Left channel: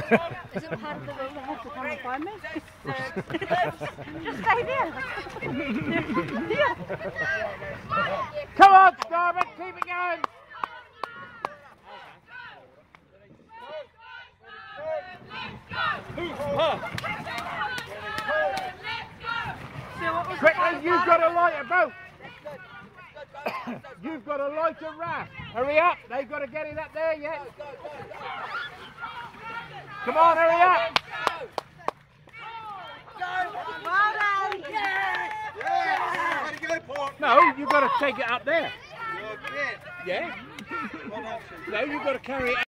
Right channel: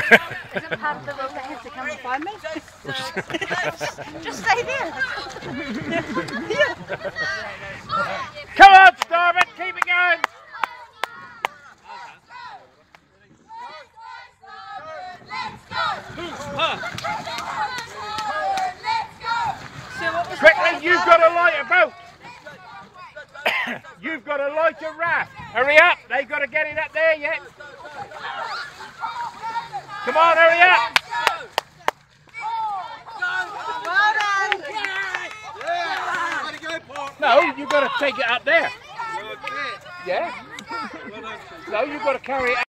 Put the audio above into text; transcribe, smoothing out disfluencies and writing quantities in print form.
have the little head to come and find me. Just stay there. Come on, Starboard, keep it going. Quickly, you've got to light a boat. You've got to light a raft. Hurry up, they've got to get it up there yet. Come on, hurry up. No, you've got to take it up there. Yeah? No, you've got to carry it up.